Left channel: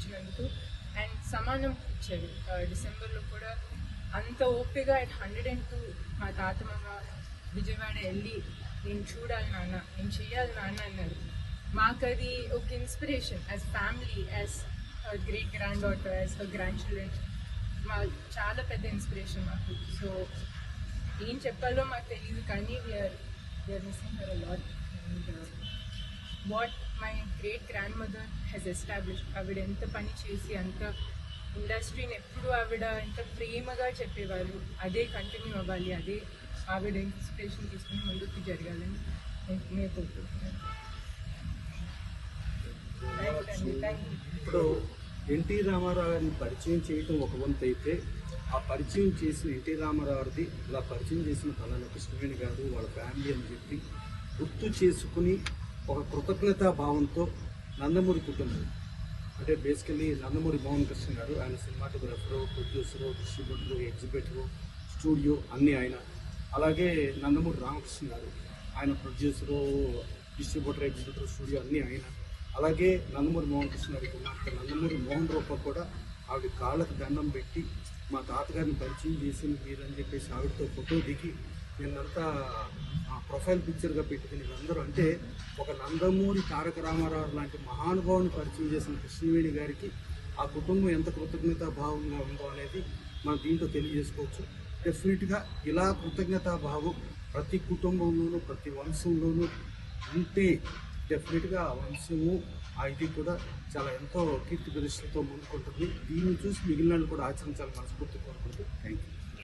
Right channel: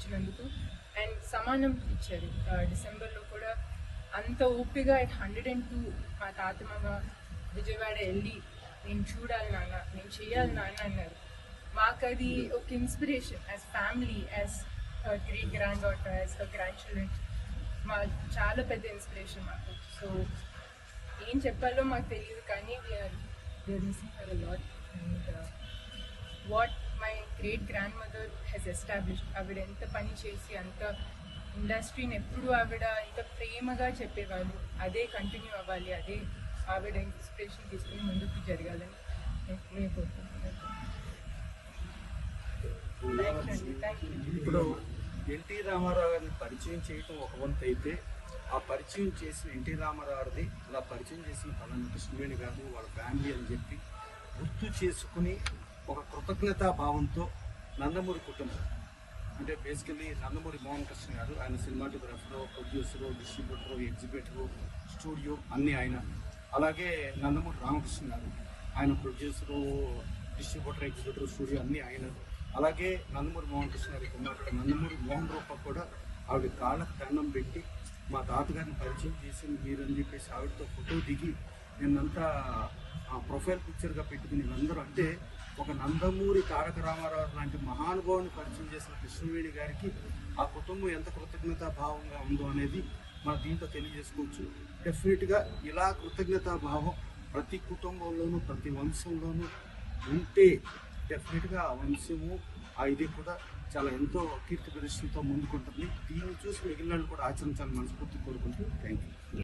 ఇచ్చినందుకు. అండ్ సమానం ఇచ్చారు. డిసెంబర్లో కూడా అంత ఓపికగా అట్ 102 మా తాతమ్మ విజయవాడ వెళ్ళి నేను చూడాలి నాన్న, నేను చెయ్యాలి నాన్న అన్నారు. మాకు అది ఒక inspiration as family, as great grand daughter, as grand children. మా చాలా పెద్ద ఇన్స్పిరేషన్ మాకు. సో ఏం చెప్పాలో మాకు తెలియదు, కానీ we are missing her a lot. And what my great grandmother has established, ఆవిడ ఎంత పని చేసి అంత ఇండస్ట్రీని ఎప్పుడు ఆవిడ ఎంత ప్రేమగా చెప్పేవాళ్ళు, అదే కంటిన్యూ అవ్వాలి, అదే ఆవిడ ఇన్స్పిరేషన్ తీసుకుని ముందుకు జరగాలని నేను కోరుకుంటున్నాను. ఇప్పుడు ఎన్టీ రామారావు గారిని పరిచయం చేయటం ఒక వంతు అయితే, ఆ పరిచయం చేసిన ఎన్టీ రామారావు గారిది ఇలా పరిచయం చేసిన పలానా కృష్ణవేణి గారు వాళ్ళ ఫ్యామిలీ అని చెప్పి గుర్తు చేసుకుని ఒక కృతజ్ఞతా భావంతో నందమూరి కుటుంబం అంటే బేసికలీ నందమూరి మోహన్ కృష్ణ గారు, ఆయన cinematographer, producer, distributor, exhibitor, studio అన్నీ ఆయన. అలాగే నందమూరి రామకృష్ణ గారు, ఆయన ప్రొడ్యూసరు, డిస్ట్రిబ్యూటర్, ఎగ్జిబిటర్, స్టూడియో అన్నీ ఆయన. అలాగే నందమూరి మోహన్ కృష్ణ గారి కుమార్తె నందమూరి మోహన్ రూప కూడా ఆవిడ కాళ్ళకు దండం పెట్టి మా తాతగారిని పరిచయం చేసింది మీరని చెప్పేసి ఆవిడతో ఫోటో దిగి నిన్నంతా ప్రొఫైల్ పిక్చర్గా పెట్టుకుని వీళ్ళందరూ, అంటే ఒక నందమూరి తారక రామారావు లాంటి మహానుభావుని పరిచయం చేసిన కృష్ణవేణి గారికి ఆ కుటుంబం ఎంత కృతజ్ఞతా భావంగా ఉందో అనేది మనం దీంట్లో తెలియజేసుకోవచ్చు. డెఫినెట్గా ఇలా కృతజ్ఞతా భావం ప్రతి కుటుంబంలోనూ ప్రతి వంశంలోనూ ఉంటే డెఫినెట్గా ఆ వంశము ఆ ఇది కూడా చాలా ఎంతో కీర్తి ప్రదర్శనతో ముందుకుంటుంది. దీన్ని చూసి మిగిలిన కూడా ఆచరించాలని మనస్ఫూర్తి కోరుకుంటూ థ్యాంక్ యూ.